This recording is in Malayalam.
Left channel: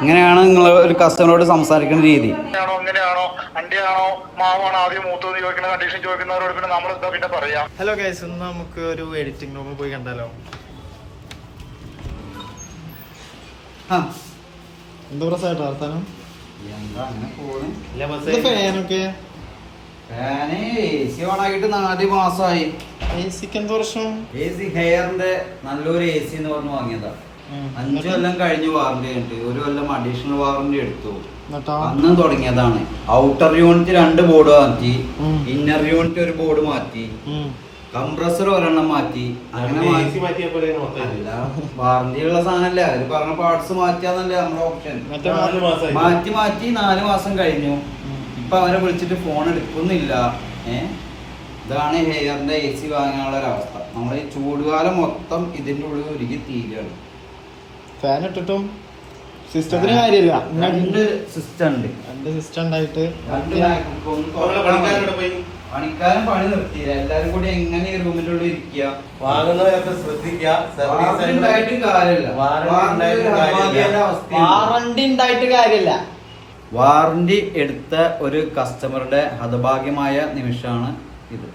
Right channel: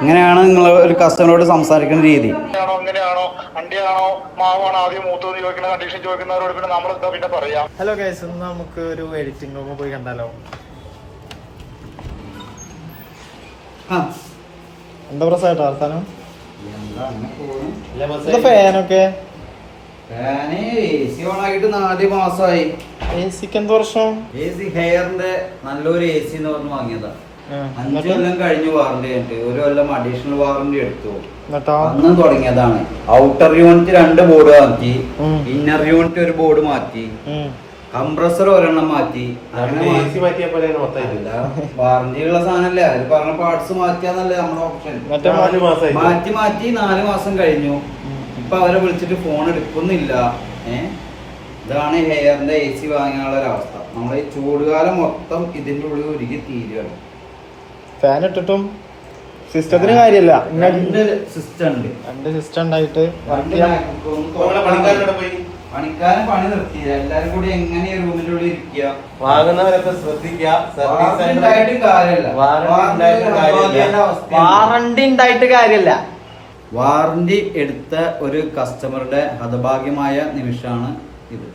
ഇങ്ങനെയാണ് നിങ്ങൾ ഒരു കസ്റ്റമറോട് സംസാരിക്കുന്ന രീതി. അങ്ങനെയാണോ അന്റെയാണോ മാവാണോ ആദ്യം മൂത്തെന്ന് ചോദിക്കുന്ന കണ്ടീഷൻ ചോദിക്കുന്നവരോട് പിന്നെ നമ്മൾ പിന്നെ പറയാം. ഹലോ ഗൈസ്, ഇന്ന് നമുക്ക് ഒരു എഡിറ്റിംഗ് റൂമിൽ പോയി കണ്ടാലോ? എന്താ പ്രശ്നമായിട്ടോ വർത്താനം? ഫാനൊക്കെ AC ഓണാക്കിട്ട് 4 മാസമായി. AC എന്ത് വർഷം? AC ഹെയറിന്റെ നല്ലൊരു AC എന്ന് പറഞ്ഞ് വാങ്ങിയതാ. 5 കൊല്ലം കഴിഞ്ഞ് വാറന്റി ആയിട്ട് 1 കൊല്ലം അഡീഷണൽ വാറന്റി എടുത്തു. അന്നും തുടങ്ങിയതാണ്. ഔട്ടർ യൂണിറ്റ് 2 ബോർഡ് മാറ്റി, ഇന്നർ യൂണിറ്റ് 1 ബോർഡ് മാറ്റി, കംപ്രസർ 1 മാറ്റി. അങ്ങനെ വാറന്റി ഉള്ള സാധനല്ലേ, അതിൽ പറഞ്ഞ പാർട്സ് മാറ്റിയാന്നല്ലേ നമ്മുടെ ഓപ്ഷൻ. മാറ്റി 4 മാസം കഴിഞ്ഞു. ഇപ്പൊ അവരെ വിളിച്ചിട്ട് ഫോൺ എടുക്കുന്നില്ല. ഇതാണ് ഹെയറിന്റെ AC വാങ്ങിയുള്ള ഒരവസ്ഥ. നമ്മളെ ഈ ചൂടുകാലം മൊത്തം ഇതിന്റെ ഉള്ളിൽ ഒരുക്കി തീരുകയാണ്. ഫാൻ ഇട്ടിട്ടും സിസ്റ്റത്തിന് കാര്യമില്ല. 2 സിസ്റ്റം ഉണ്ട്. 2 സിസ്റ്റം ഉണ്ടായിട്ട് പണിക്കാരൻ പണി നിർത്തിയില്ല. എല്ലാരും കൂടി എങ്ങനെ റൂമിന്റെ ഉള്ളിൽ ഇരിക്കുക. വാങ്ങുന്നവരൊക്കെ ശ്രദ്ധിക്കുക. വാറണ്ടി ഉണ്ടായിട്ട് കാര്യമില്ല. വാറന്റി എടുത്ത ഒരു കസ്റ്റമറുടെ ഹതഭാഗ്യമായ നിമിഷമാണ് ഇത്.